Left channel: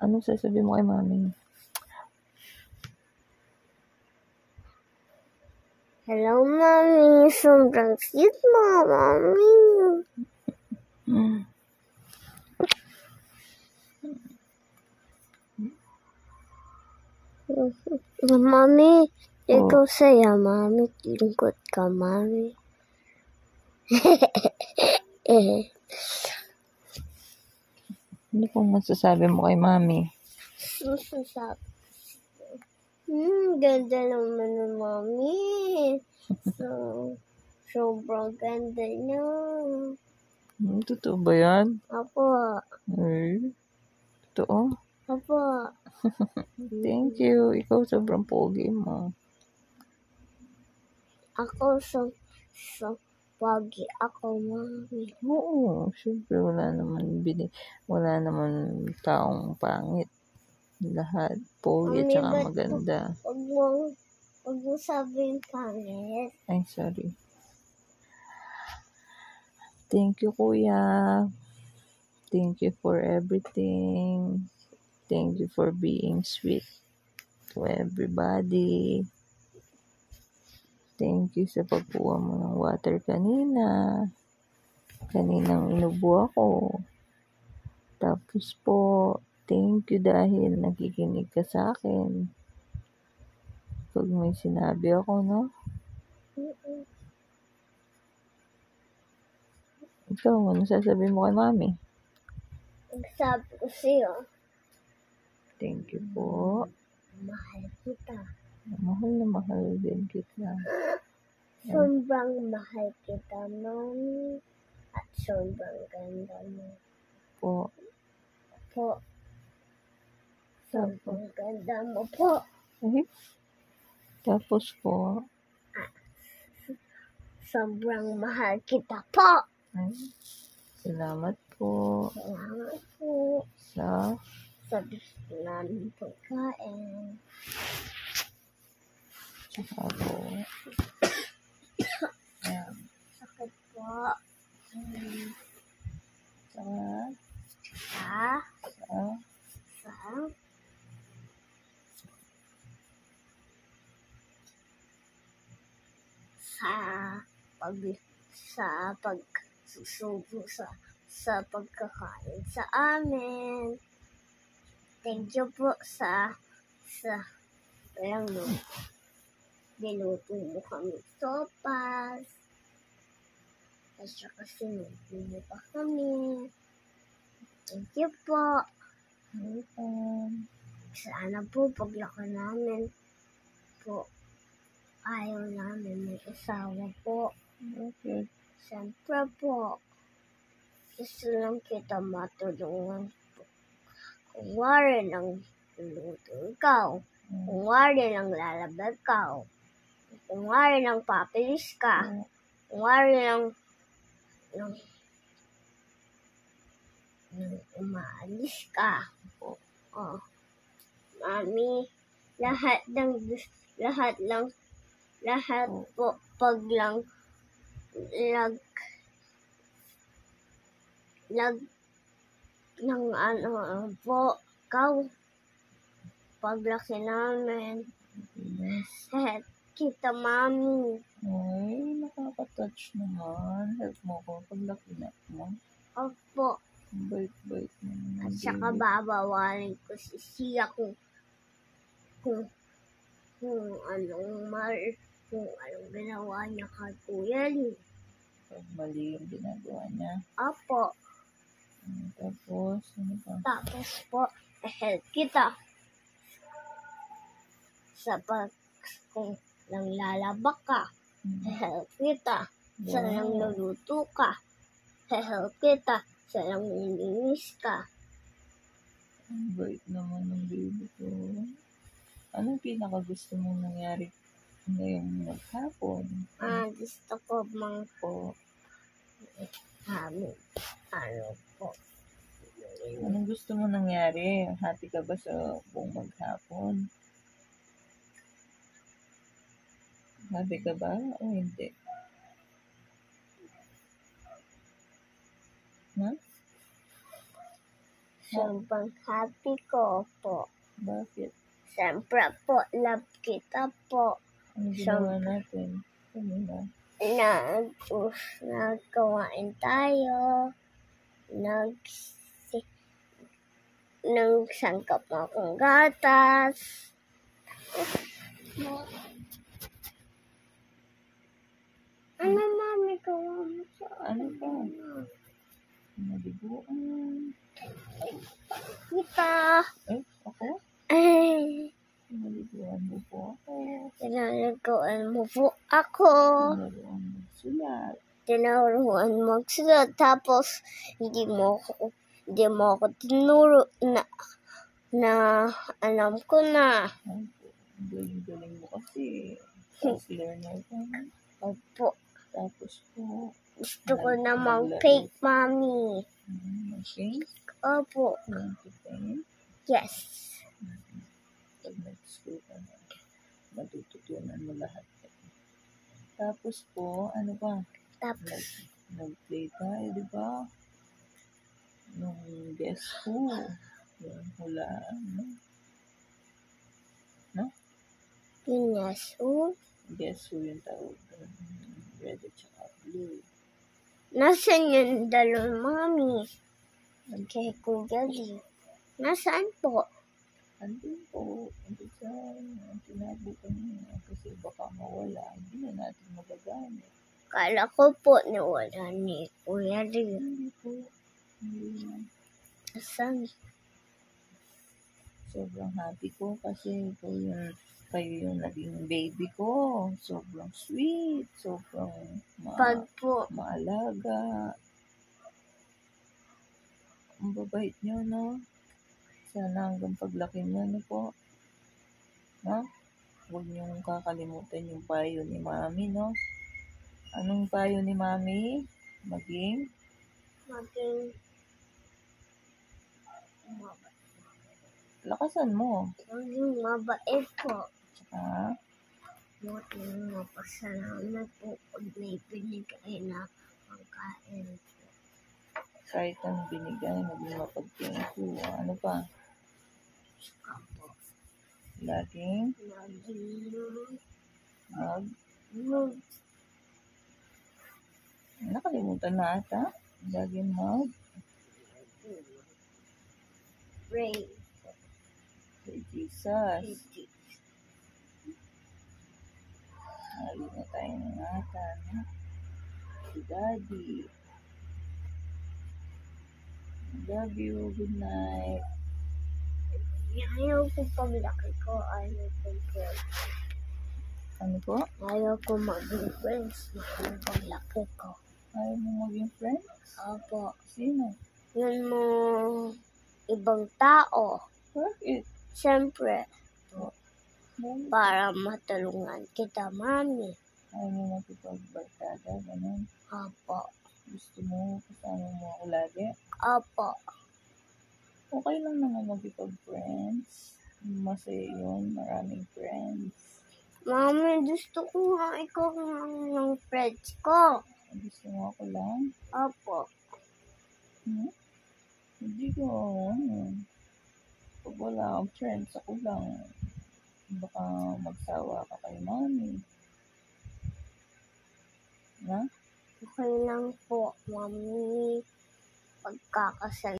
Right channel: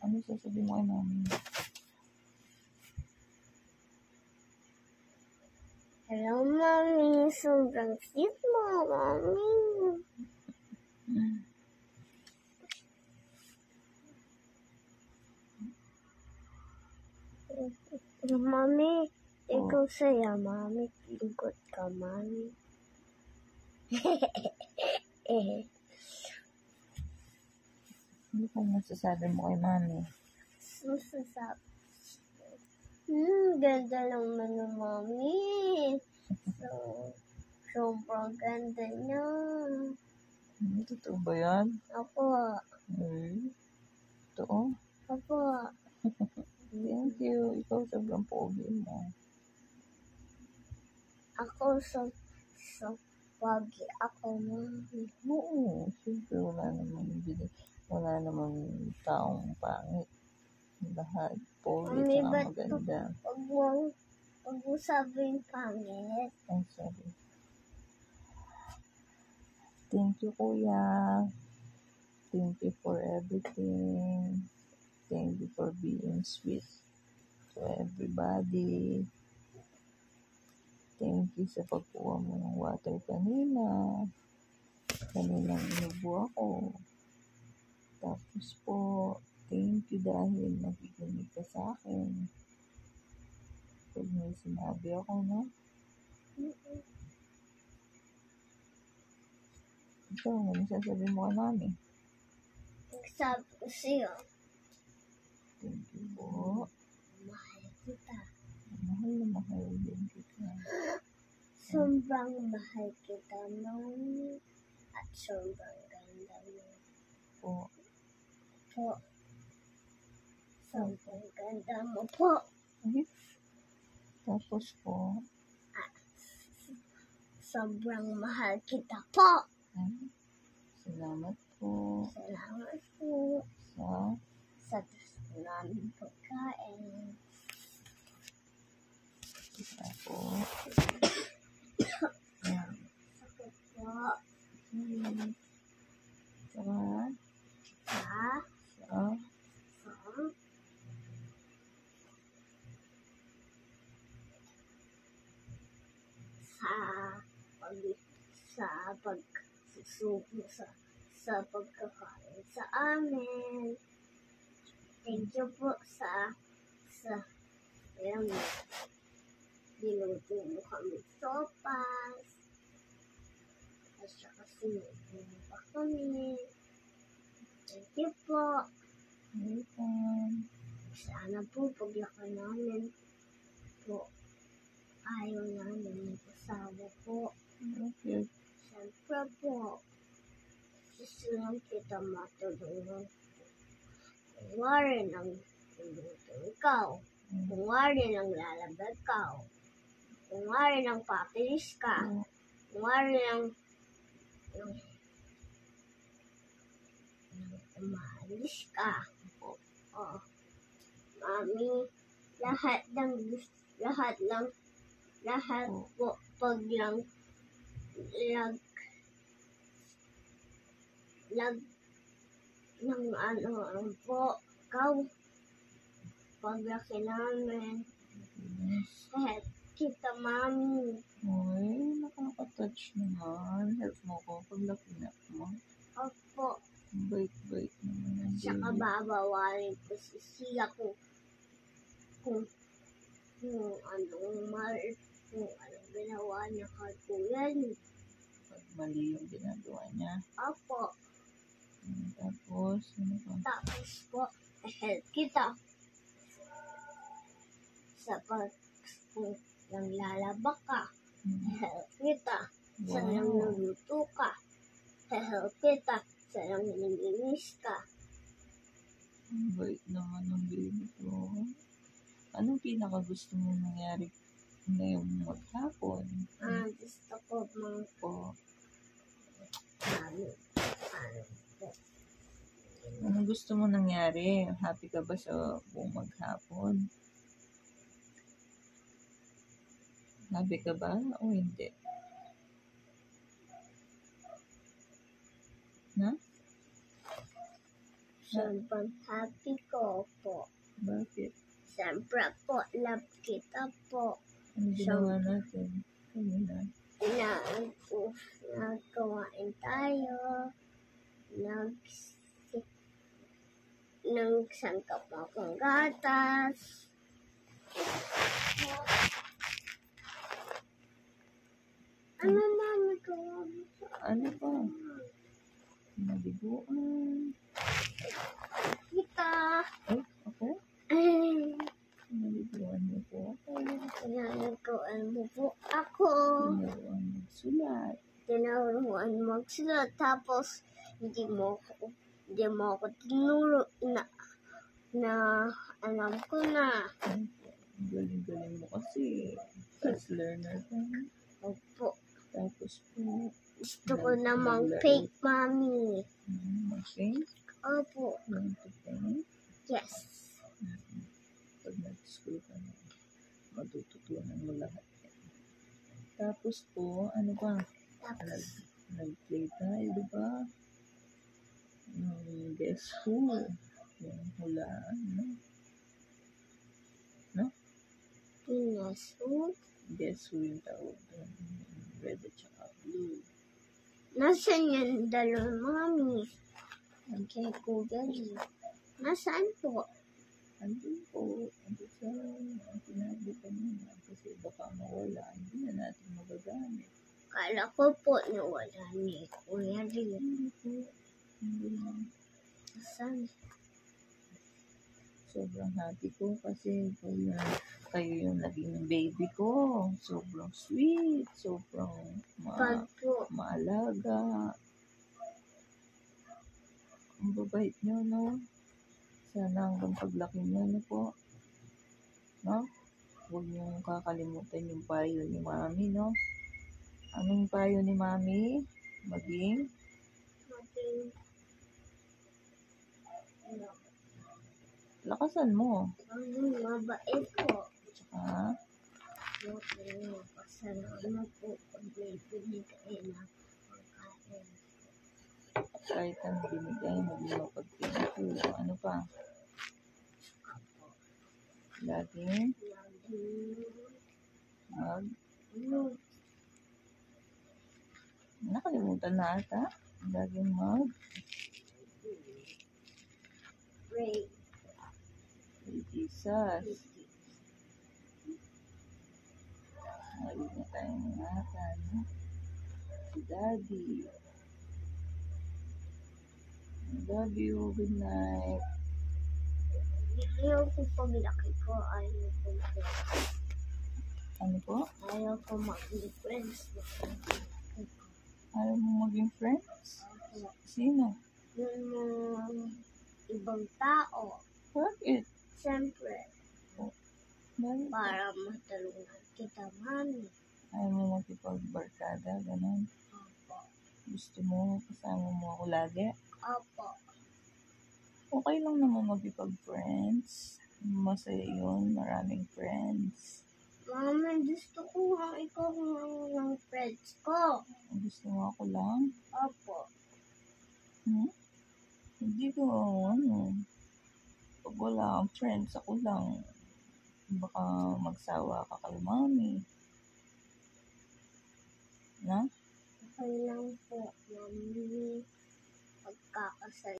Anong sasabihin mo kay mami? Hello, Mommy. Sobrang cute mo, Mommy. Mami, ikaw saya, Mami. Lingkod ka, Mami. Ano pong masasabi mo kay mami? Masasabi. Ganda naman ng Mami. Sobrang ganda niya. Totoo ba yan? Apo. Ay, totoo? Apo. Thank you. Ikaw sobrang pogi mo. Ako pogi ako, Mami. Oo, syempre wala naman taong pangit. Lahat pogi at Mami, saka ba't maganda. Pag mo sabihin pangit? Ay, sorry. Thank you, kuya. Thank you for everything. Thank you for being sweet to everybody. Thank you sa pagkuha mo ng water kanina. Kaninang inubo ako. Tapos po, thank you dahil nakikinig ka sa akin. Pag may sinabi ako, no? Ikaw, ano sasabihin mo kay mami? Sabi ko sa'yo, Thank you po. mahal kita. Mahal na mahal din kita. Sobrang mahal kita, Mami. At sobrang ganda mo. Po. Sobrang ganda mo po. Ay, tapos po, Sobrang mahal kita po. ay, salamat po Salamat po sa sa gusto namin pagkain. saka po. Ayan. Sakit po. Saka, sa pagsusubo sa pagkakain sa amin. Thank you po sa niluto mo kami sopas. At saka sinubo mo pa kami. Thank you po. Sana po paglaki namin po, ayaw namin may asawa po. okay. Siyempre po, gusto lang kita matulungan po. Kung wari lang luluto ikaw, kung wari lang lalabag ka, kung wari lang papilis ka, kung wari lang umaalis ka. Mami, lahat po pag lang ng po, paglaki namin. Kita, Mami. Ay, nakaka-touch naman. Help mo ko pag lakinak mo. Opo. Bait-bait naman. At saka babawalin ko si Sia kung anong ginawa niya kay Kuya Lee. Pag mali yung ginagawa niya. Opo. Tapos, ano pa? Tapos po, help kita. Kung nang lalaba ka, help kita. Sa nang luluto ka, help kita. Sa nang nilinis ka. Ang bait naman ng baby ko. Anong pinaka-gusto mong nangyari ngayong maghapon? Gusto ko po. Anong gusto mo nangyari? Happy ka ba sa buong maghapon? Happy ka ba o hindi? Na? Sobrang happy ko po. Bakit? Siyempre po, love kita po. Ano ginawa natin? Kanina. Nagkawain tayo. Nagsangkap akong gatas. Ano, mami, gawa mo sa Ano pa? Naliguan. kita? Ay, ako? Ay, Naliguan mo po ako. tinalagaan mo po ako. Tinuruan magsulat. Tinuruan magsulat. Tapos, hindi mo ako tinuro na alam ko na. Ay, ang galing-galing mo kasi. Fast learner ka. Opo. Tapos po, Gusto ko na mag-paint, mami. mag-paint. Opo. Want to paint. Yes. Pag nag-school ka na, matututunan mo lahat. Tapos po, ano pa? Tapos, Nag-play tayo, di ba? Nung guess who? Yung hulaan, no? yes. Oh, Guess who yung tawag doon? Red at saka blue. nasaan yung dalawang mami? Okay, Kuya Lee. Nasaan po? Andun po, andun sa tinabukan niya kasi baka mawala, hindi na natin magagamit. Kala ko po niwala ni Kuya Lee. Hindi po, hindi na. Nasaan? Sobrang happy ko kasi kayo yung naging baby ko. Sobrang sweet, sobrang Pag po, maalaga. Ang babait nyo, no? Sana hanggang paglaki nyo, no po? No? Huwag niyong kakalimutan yung payo ni Mami, no? Anong payo ni Mami? Maging lakasan mo. maging mabait po. Tsaka, Buti na mapasalamat po pag may binigay na pagkain. kahit ang binigay, maging mapag-thank you. Ano pa? Apo. Laging nakalimutan na ata. Laging Pray. kay Jesus. Lagi na tayong ingatan, no? Si Daddy. I love you. Good night. Ayaw ko paglaki ko. Ayaw ko Ano po? Ayaw ko maging friends. Paglaki ko. Ayaw mo maging friends? Opo. Sino? Yun mo ibang tao. Bakit? Siyempre, Bakit? para matulungan kita, mami. Ayaw mo makipagbarkada, ganun. Opo. Gusto mo, kasama mo ako lagi. Opo. Okay lang naman magipag-friends. Masaya yun, maraming friends. Mami, gusto ko nga ikaw ng friends ko. Gusto mo ako lang? Opo. Hindi ko, pag wala kang friends, ako lang. Baka magsawa ka kay Mami. Na? Okay lang po, mami. Pagkakasal